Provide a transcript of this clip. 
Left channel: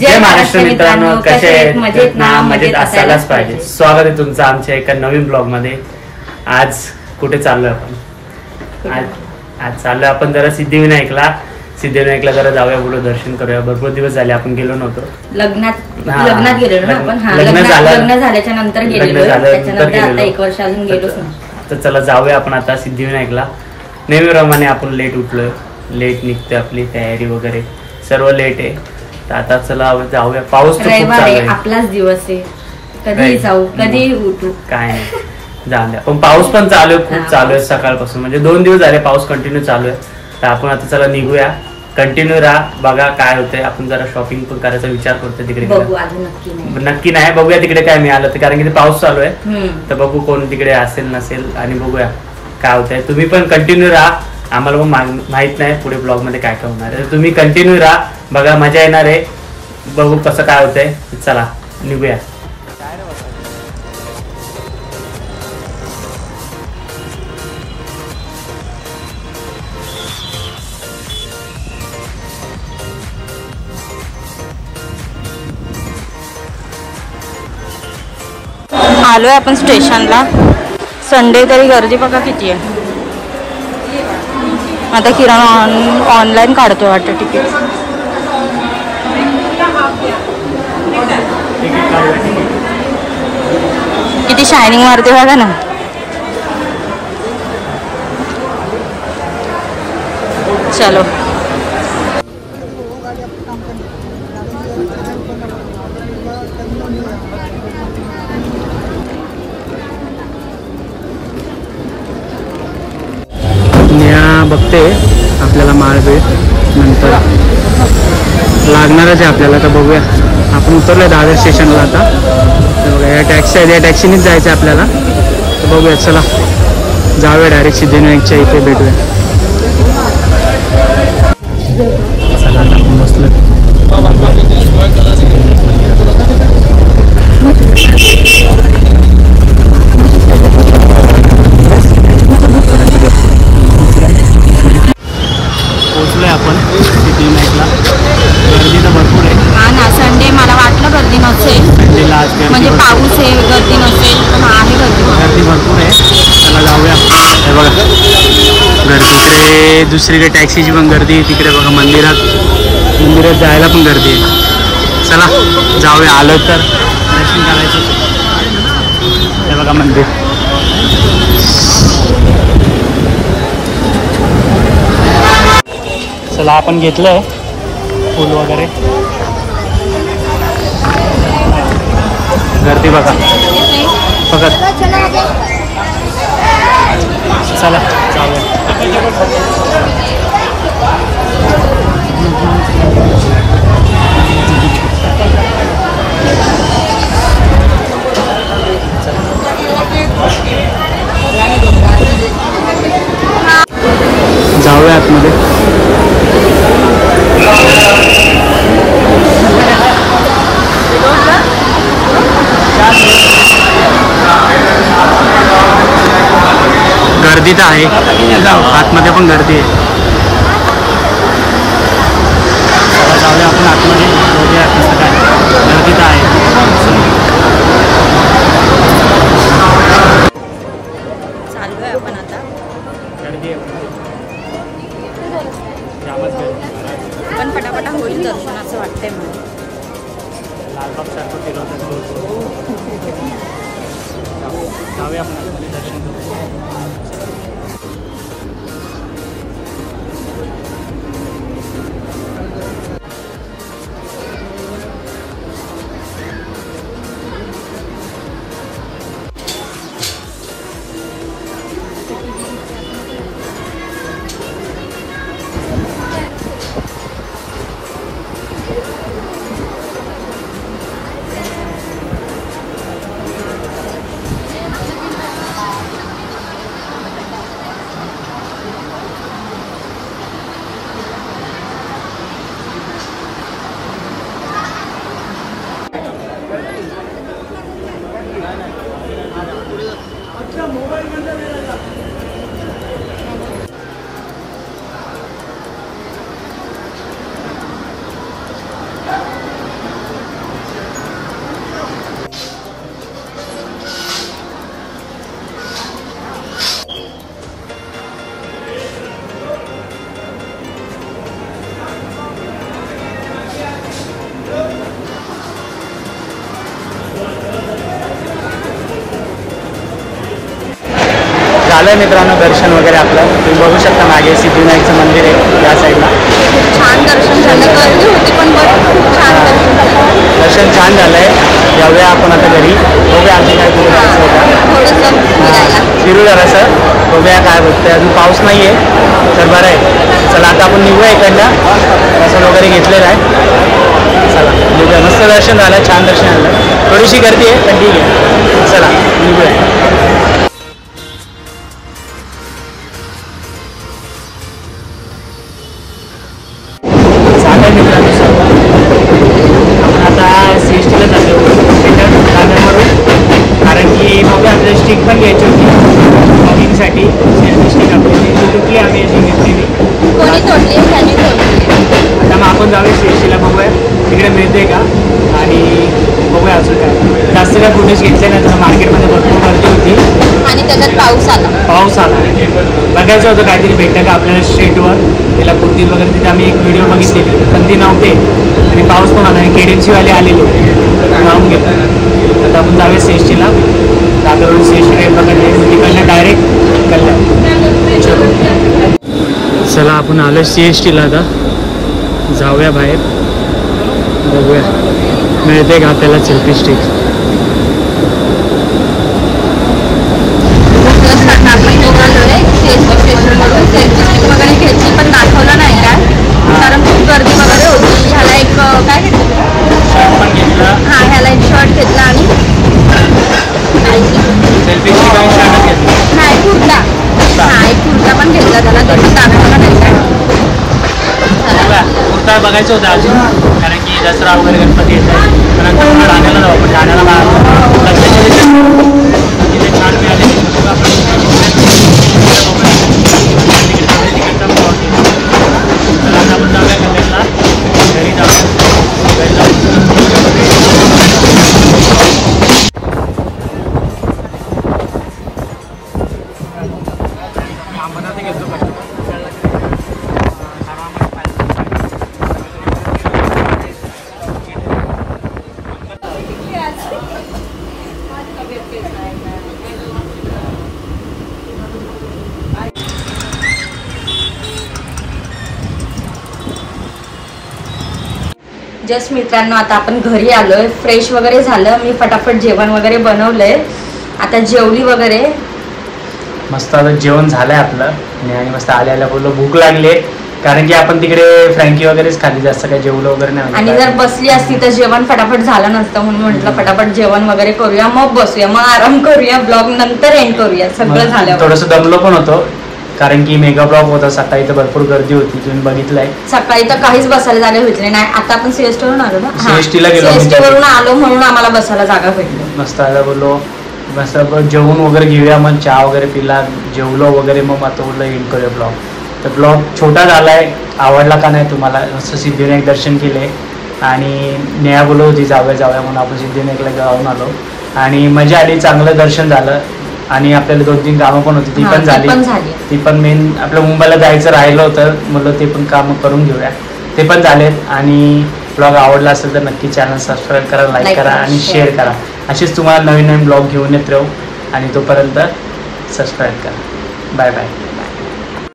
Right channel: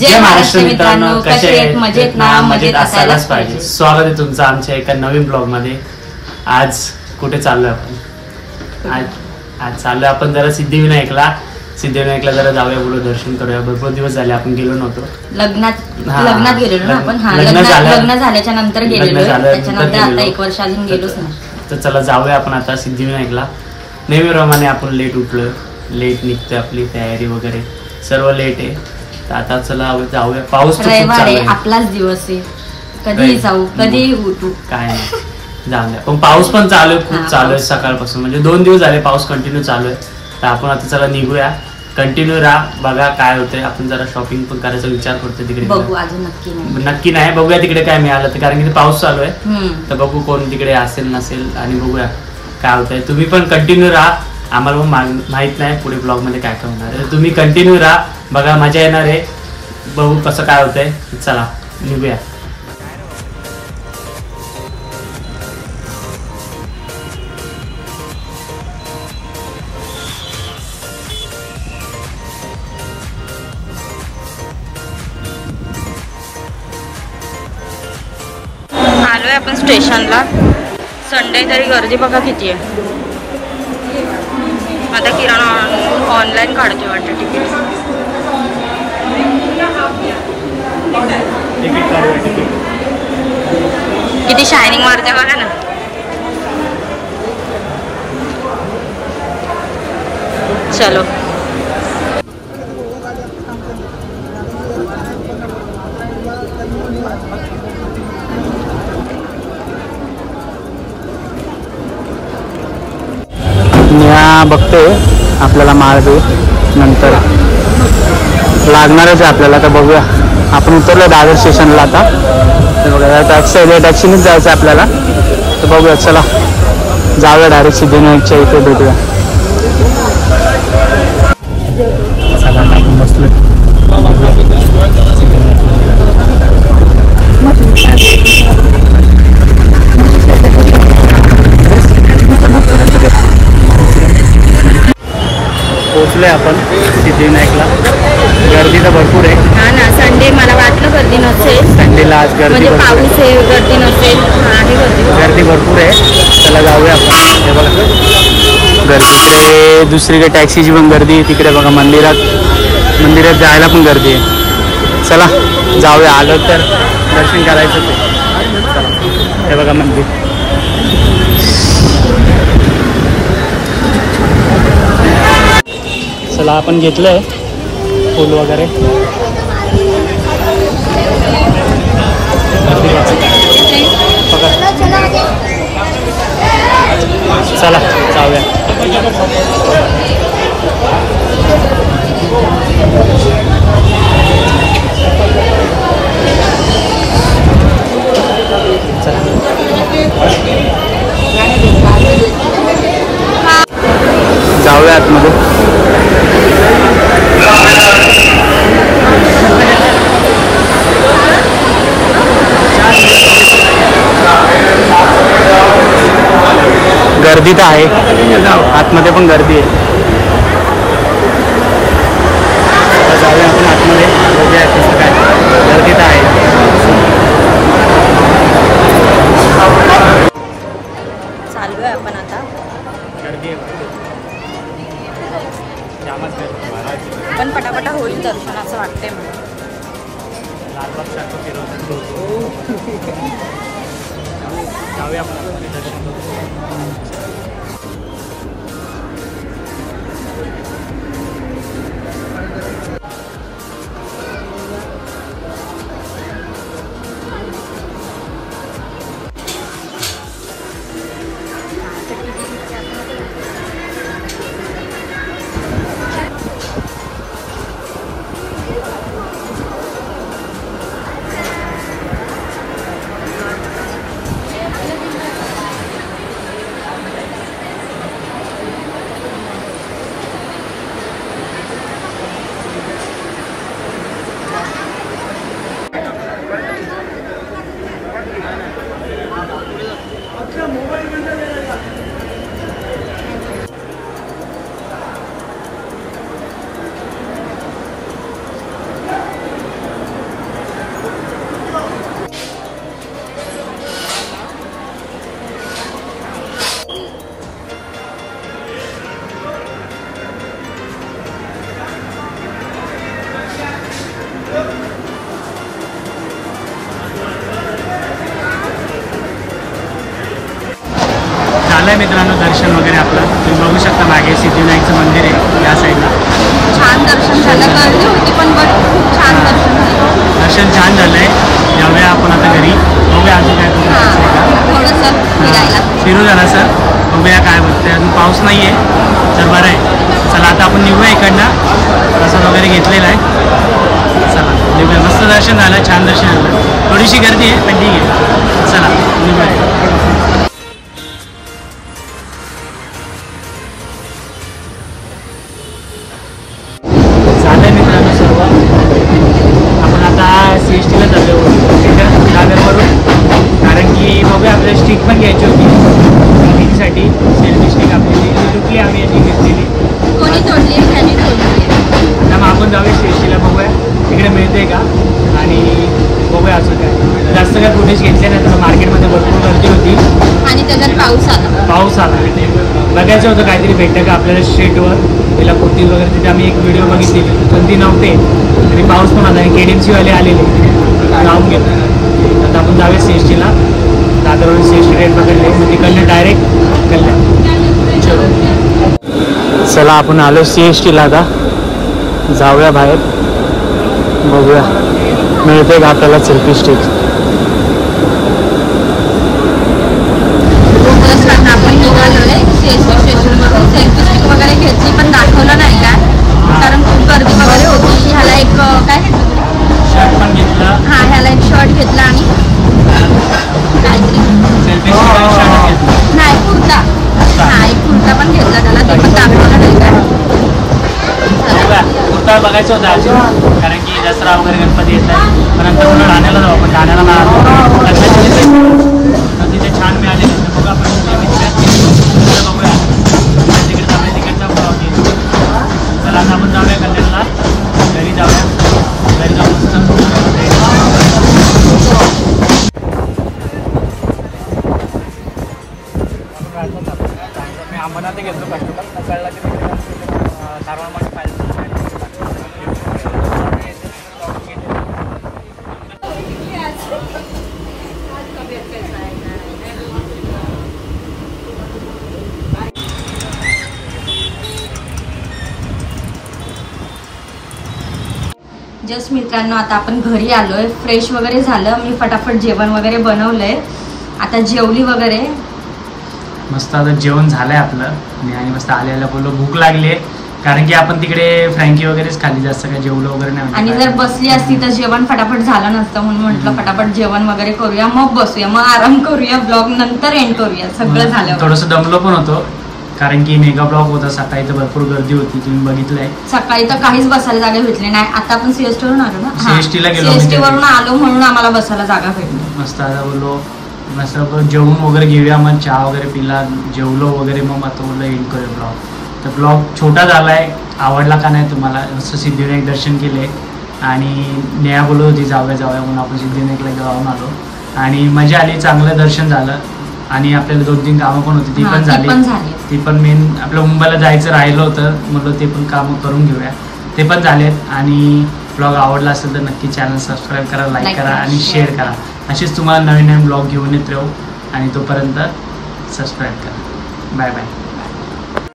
जय महाराष्ट्र मित्रांनो, कसे आहेत? मजेत ना? मजेत असायलाच पाहिजे. स्वागत आहे तुमचं आमच्या एका नवीन ब्लॉग मध्ये. आज कुठे चाललोय आपण? आज चाललोय आपण जरा सिद्धिविनायकला जरा जाऊया, बोलू दर्शन करूया. भरपूर दिवस झाले आपण गेलो नव्हतो. लग्नात गेलेलो ना आपण. लग्न झाल्याच्या नंतर गेलेलो, त्याच्यानंतर आता 1 वर्ष अजून गेलोच ना. तर चला जाऊया आपण आता सिद्धिविनायकला. नेहमीप्रमाणे आपण लेट उठलोय, लेट निघतोय, आपली तयारी वगैरे सर्व लेट आहे. तर आता चला जाऊया. पाऊस तर खूप चालू आहे, आपलाच दिवस आहे, कधीही जाऊ कधीही उठू, काय नाही जाऊन द्या. पण पाऊस पण चालू आहे, खूप चालू आहे सकाळपासून. म्हणजे 2 दिवस झाले पाऊस कंटिन्यू चालू आहे. तर आपण आता चला निघूया, कंटिन्यू राहा, बघा काय होतंय. आपण जरा शॉपिंग पण करायचा विचार करतोय तिकडे. नक्की नाही, बघूया तिकडे काय मिळालं तर, कारण की पाऊस चालू आहे. तर बघू कोण तिकडे असेल नसेल आणि बघूया काय होतंय. तुम्ही पण कंटिन्यू राहा, आम्हाला पण माहित नाही पुढे ब्लॉग मध्ये काय काय होणार आहे. तुम्ही कंटिन्यू राहा, बघा मजा येणार आहे. बघू कसं काय होतंय. चला निघूया. आलोय आपण स्टेशनला. संडे तरी गर्दी बघा किती आहे. आता किराणा ऑनलाईन काढतोय वाटतं तिकीट. किती शायनिंग मारते बघा ना. चलो बघते आपल्याला माळबीळ नंतर लागणारच आहे आपल्याला. तर बघूया, आपण उतरलोय दादर स्टेशनला आता. तर बघा या टॅक्सी आहे, या टॅक्सीनेच जायचं आहे आपल्याला. तर बघूया, चला जाऊया डायरेक्ट सिद्धिविनायकच्या इथे भेटूया. चला आता आपण बसलोय. पोहोचलोय आपण सिद्धिविनायकला. गर्दी तर भरपूर आहे. हा ना, संडे मला वाटलं गर्दी नसेल. संडेला आज गर्दी म्हणजे पाऊस आहे, गर्दी नसेल. आहे गर्दी भरपूर आहे. चला जाऊया आपण. हे बघा गर्दी इकडे, दुसरीकडे टॅक्सीची पण गर्दी आहे. तिकडे बघा मंदिरात जायला पण गर्दी आहे. चला जाऊया, आलो तर दर्शन करायचंच आहे. हे बघा मंदिर. चला आपण घेतलंय फुल वगैरे. गर्दी बघा. चला जाऊया. जाऊया आतमध्ये. गर्दी तर आहे, आतमध्ये पण गर्दी आहे. चला जाऊया आपण आतमध्ये, बघूया कसं काय. गर्दी तर आहे. चाललोय आपण आता. गर्दी आहे पण पटापटा होईल दर्शन असं वाटतंय मला. लालबाग सारखं फिरवतात जाऊया आपण आतमध्ये दर्शन करू. झालंय मित्रांनो दर्शन वगैरे आपलं. तुम्ही बघू शकता मागे सिद्धिविनायकचं मंदिर आहे या साईडला. छान दर्शन झालं, गर्दी होती पण खूप छान दर्शन झालं. दर्शन छान झालंय. जाऊया आपण आता घरी. बघूया अजून काय कुठे जायचं आहे का. थोडंसं फिरू जरा सर. बघूया काय बघतोय. अजून पाऊस नाही आहे तर बरं आहे. चला आता आपण निघूया इकडनं. प्रसाद वगैरे घेतलेला आहे. चला निघूया. मस्त दर्शन झालं, छान दर्शन झालं. थोडीशी गर्दी आहे पण ठीक आहे. चला निघूया. मित्रांनो सर्व आपण आता CSTला चाललो दादरवरून. कारण की बघूया आपल्याला स्टिक पण घ्यायची होती वॉकिंगसाठी. सेल्फी स्टिक आपली तुटली, आम्ही अशी घेतलेली. कोणी तोडली? आता मग आपण जाऊया CSTला. बघूया तिकडे मिळते का आणि बघूया अजून काय. जास्त काय फुटेज घेतले नाही तसं. मार्केटमध्ये भरपूर गर्दी होती आणि त्याच्यात पाऊस आला. बघायचं होतं काहीतरी भेटतं का आपल्याला स्ट्रीटवर. तिला कुर्ती वगैरे तिथे आम्ही एक व्हिडिओ बघितलेली पण ती नव्हते आणि पाऊस पण आला. KDMC वाले आलेले जाऊन घेतलं. आता आपण जाऊया CSTला. दादरवरून CST ट्रेन पकडले मग तिकडनं डायरेक्ट कल्याण. चला आपण आलो CSTला. आता जाऊया बाहेर. बघूया मिळते का आपल्याला सेल्फी स्टिक. आपण निघालोय CST स्टेशनवरून. सेल्फी स्टिक वगैरे घेतली पण दाखवलं नाही का कारण खूप गर्दी वगैरे होती. ह्याला एक काय घेतलं शर्ट पण घेतला. हा ह्याला एक शर्ट घेतला आणि सेल्फी स्टिक आणि शर्ट घेतला. नाही कुर्ता. हा एक कुर्ता पण घेतला त्याला. ते पण दाखवलं नाही का. कुर्ता बघायचं होतं अजून कारण की दसरा वगैरे गणपती येत आहे. पण नंतर पुन्हा ठाण्याला जाऊ आपण. ठाण्याला तिथे छान मिळाले. बघू आपण तर आता आपण जाऊया कल्याणला. घरी जाऊया. घरी जाऊन जस्ट मित्रांनो आता आपण घरी आलोय. फ्रेश वगैरे झालं. मी फटाफट जेवण वगैरे बनवलंय. आता जेवली वगैरे मस्त. आता जेवण झालंय आपलं आणि मस्त आल्याला बोललो भूक लागली कारण की आपण तिकडे फ्रँकी वगैरेच खाल्ली. जास्त काही जेवलं वगैरे नाही. आणि जर बसली असती तर जेवण फटाफट झालं नसतं म्हणून म्हटलं फटाफट जेवण वगैरे करूया मग बसूया मग आराम करूया. ब्लॉग नंतर एंड करूया. सगळं झालं. थोडंसं दमलो पण होतो कारण की मेगा ब्लॉग होता. सकाळी तर भरपूर गर्दी होती. तुम्ही बघितलंय. सकाळी तर काहीच बसायला जागा भेटली नाही. आता आपण CST वरून आलो ना. CSTला गेलो. CST वरून आलो म्हणून आम्हाला बसायला जागा भेटली. मस्त. आता बोललो मस्त जेवून वगैरे घेऊया. मग चहा वगैरे पिला. जेवलो वगैरे मग आता बोललो एंड करूया ब्लॉग. तर ब्लॉग छोटा झालाय. आवडला का नाही तुम्हाला. मस्त सिद्धिविनायक दर्शन केले आणि नेहा बोलत होती जाऊया म्हणून आपण सिद्धिविनायकला जाऊन आलो आणि मजा आली. चांगलं दर्शन झालं आणि आपल्याला 2-3 कामं पण होती ती पण झाली. ती पण मेन आपल्या मुंबईला जायचं राहिलं होतं म्हणलं ते पण कामं करून घेऊया. ते पण झालेत. आणि ब्लॉग आवडला असेल तर नक्की चॅनल सबस्क्राईब करा, लाईक करा आणि शेअर करा. असेच तुम्हाला नवीन ब्लॉग घेऊन येत राहू आणि तोपर्यंत सबस्क्राईब करा. Bye bye.